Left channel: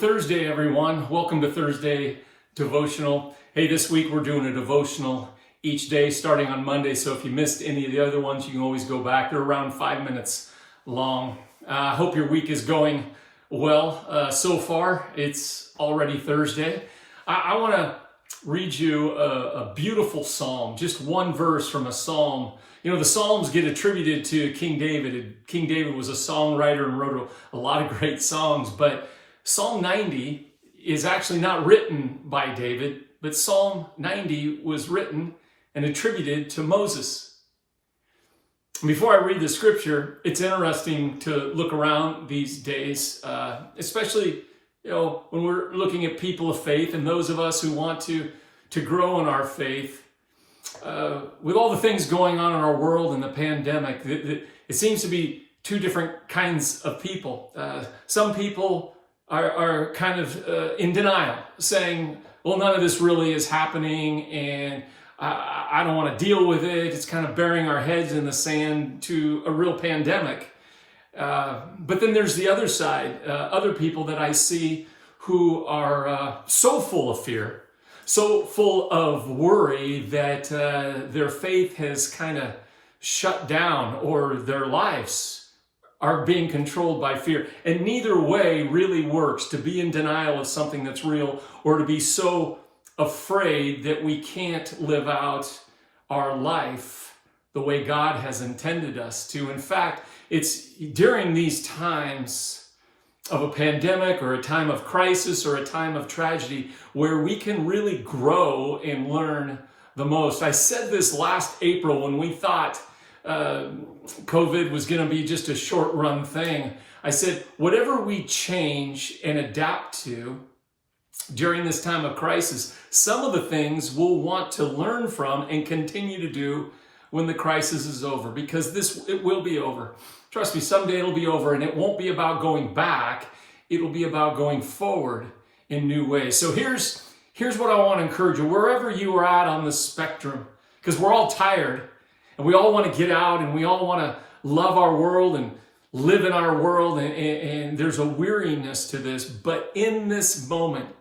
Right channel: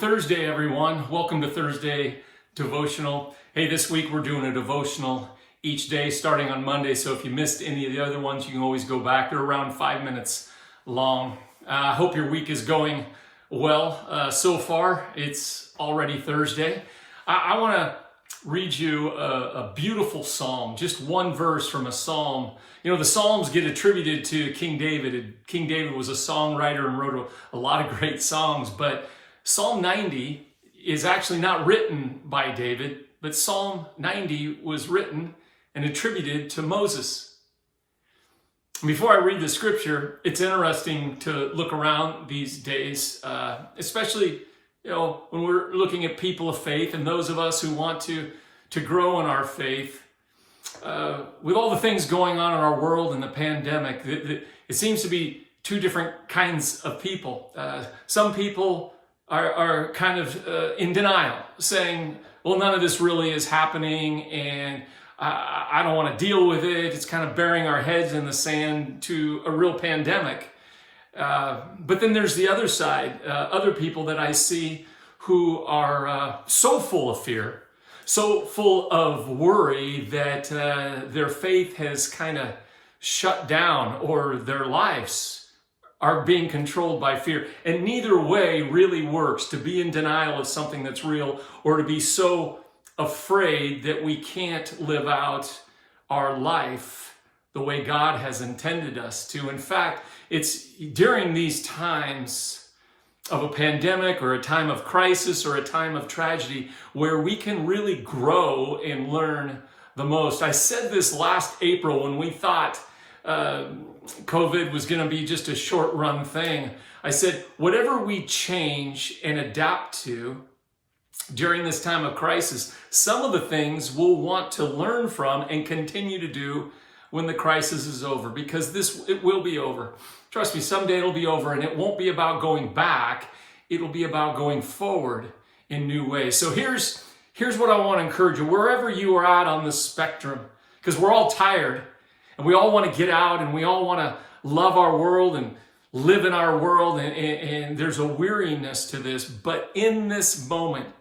Thursday, everyone. Welcome to Thursday Devotional. Hey, this week we're doing a devotional each day starting on Monday. So if you missed any of the other ones, you can always go back. They're around 5 minutes long. I hope your week is going well so far. It's already Thursday. I want to read you a beautiful psalm, just one verse from a psalm. You know, the Psalms get attributed to King David. King David was a songwriter and wrote a lot of great songs, but Psalm 90 is actually not written by David, but Psalm 90 was written and attributed to Moses. Before I read the scripture, it's interesting to look around these days, especially, you know, when we're looking at people of faith and those of us who want to grow in our faith. With all the things going on in our world and the pandemic, it seems to be two different kinds of people. Some people are kind of in denial, saying, well, none of this really is happening and I don't want to deal with it. It's kind of burying our heads in the sand to a real pandemic. But then there's the other side, other people that I see who are so full of fear, so full of worry that their faith has kind of shut down, or their lives are being controlled by fear. And neither way really works, to be in denial of something that's real or to be so afraid that we can't live out our life the way God has intended us to. In fact, it's during these times of a pandemic or a time of crisis or a time of tragedy where we can really grow and learn the most. I said this last April when we thought COVID was going to be just a short run thing. I said, whatever we change and adapt to during this time of crisis, some of the things we'll want to learn from and continue to do when the crisis is over, because it will be over. Trust me, someday it'll be over, and it won't be about going back. It'll be about going forward in new ways. So here's what I want to encourage you, wherever you are at on the spectrum, because we're all tired and we all want to get out and we all want to love our world and live in our world. And there's a weariness to this. But in this moment,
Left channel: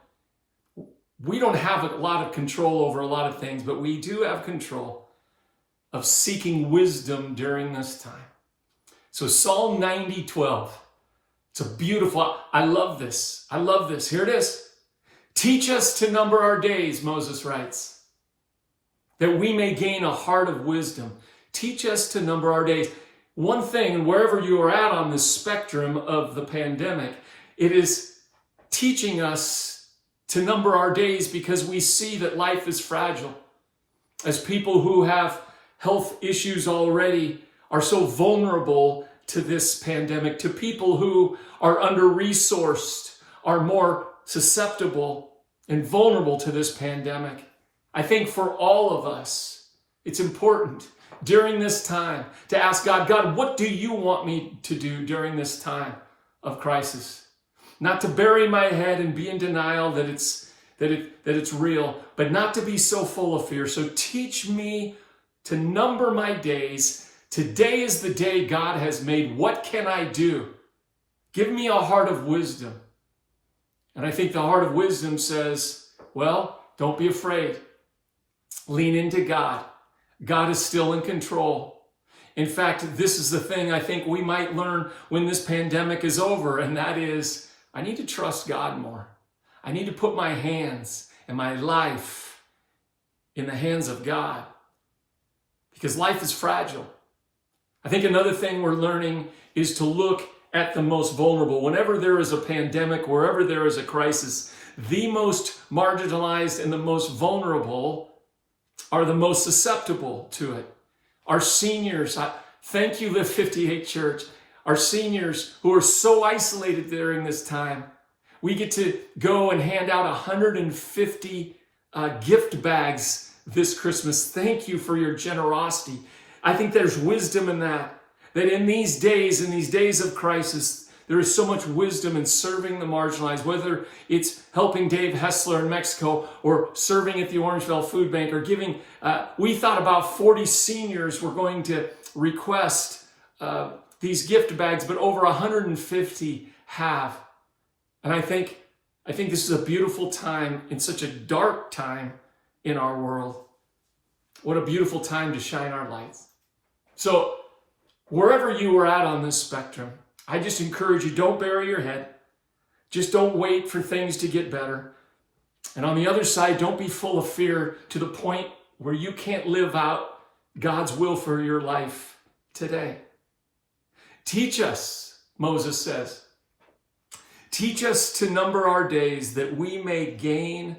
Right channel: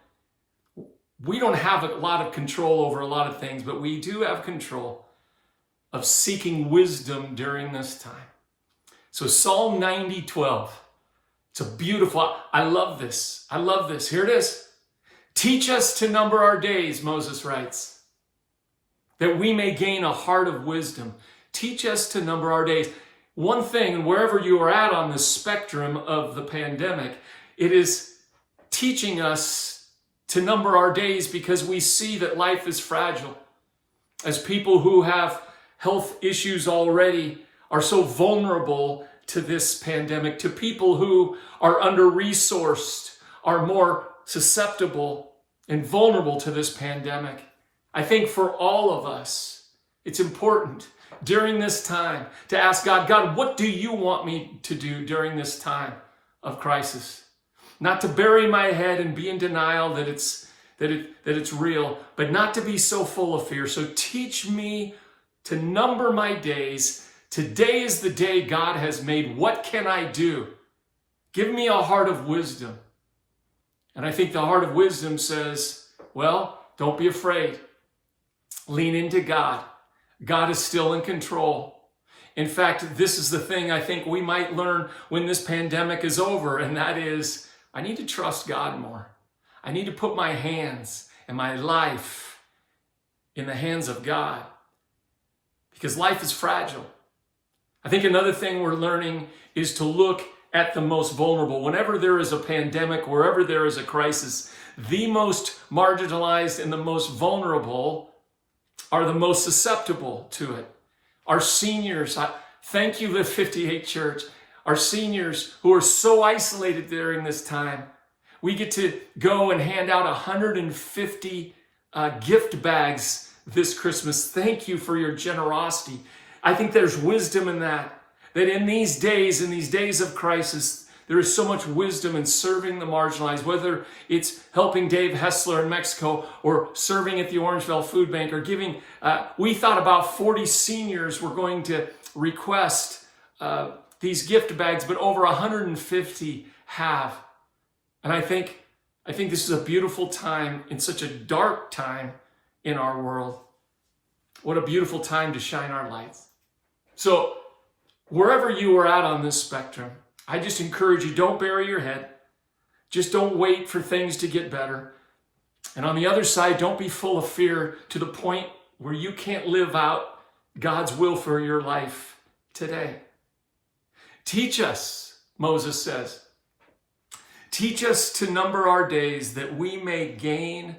we don't have a lot of control over a lot of things, but we do have control of seeking wisdom during this time. So Psalm 90:12. It's a beautiful, I love this. I love this. Here it is. Teach us to number our days, Moses writes, that we may gain a heart of wisdom. Teach us to number our days. One thing, and wherever you are at on the spectrum of the pandemic, it is teaching us to number our days, because we see that life is fragile. As people who have health issues already are so vulnerable to this pandemic, to people who are under-resourced, are more susceptible and vulnerable to this pandemic. I think for all of us, it's important during this time to ask God, what do you want me to do during this time of crisis? Not to bury my head and be in denial that it's real, but not to be so full of fear. So teach me to number my days. Today is the day God has made. What can I do? Give me a heart of wisdom. And I think the heart of wisdom says, well, don't be afraid. Lean into God. God is still in control. In fact, this is the thing I think we might learn when this pandemic is over, and that is, I need to trust God more. I need to put my hands and my life in the hands of God, because life is fragile. I think another thing we're learning is to look at the most vulnerable. Whenever there is a pandemic, wherever there is a crisis, the most marginalized and the most vulnerable are the most susceptible to it. Our seniors, thank you, Live58 Church, our seniors who are so isolated during this time. We get to go and hand out 150 gift bags this Christmas. Thank you for your generosity. I think there's wisdom in that in these days of crisis, there is so much wisdom in serving the marginalized, whether it's helping Dave Hessler in Mexico or serving at the Orangeville Food Bank or giving. We thought about 40 seniors were going to request these gift bags, but over 150 have. And I think I think this is a beautiful time in such a dark time in our world. What a beautiful time to shine our lights. So wherever you are at on this spectrum, I just encourage you, don't bury your head. Just don't wait for things to get better. And on the other side, don't be full of fear to the point where you can't live out God's will for your life today. Teach us, Moses says. Teach us to number our days that we may gain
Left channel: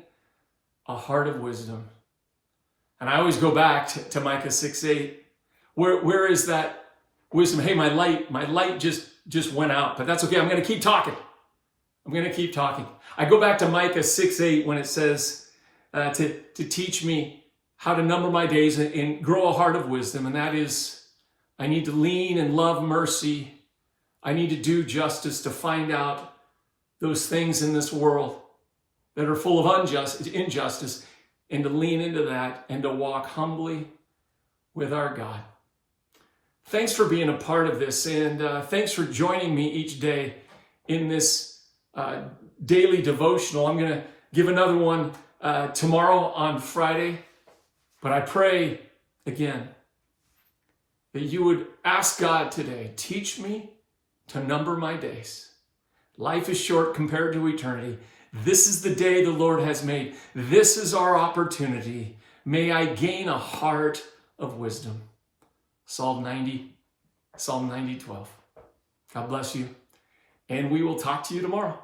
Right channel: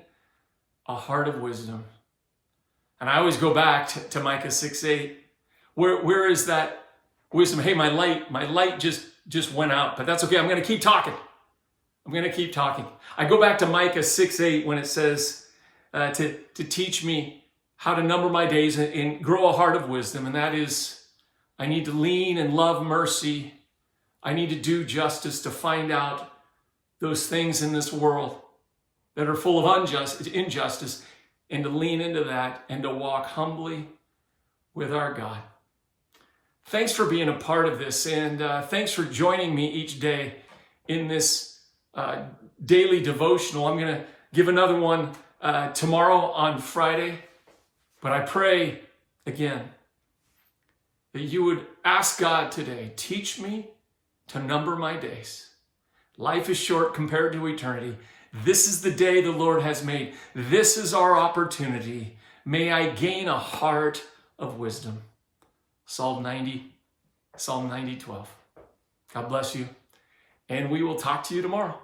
a heart of wisdom. And I always go back to Micah 6:8. Where is that wisdom? Hey, my light just went out, but that's okay. I'm going to keep talking. I go back to Micah 6:8 when it says to teach me how to number my days and grow a heart of wisdom. And that is, I need to lean and love mercy. I need to do justice, to find out those things in this world that are full of injustice, and to lean into that and to walk humbly with our God. Thanks for being a part of this, and thanks for joining me each day in this daily devotional. I'm going to give another one tomorrow on Friday, but I pray again that you would ask God today, teach me to number my days. Life is short compared to eternity. This is the day the Lord has made. This is our opportunity. May I gain a heart of wisdom. Psalm 90:12. God bless you, and we will talk to you tomorrow.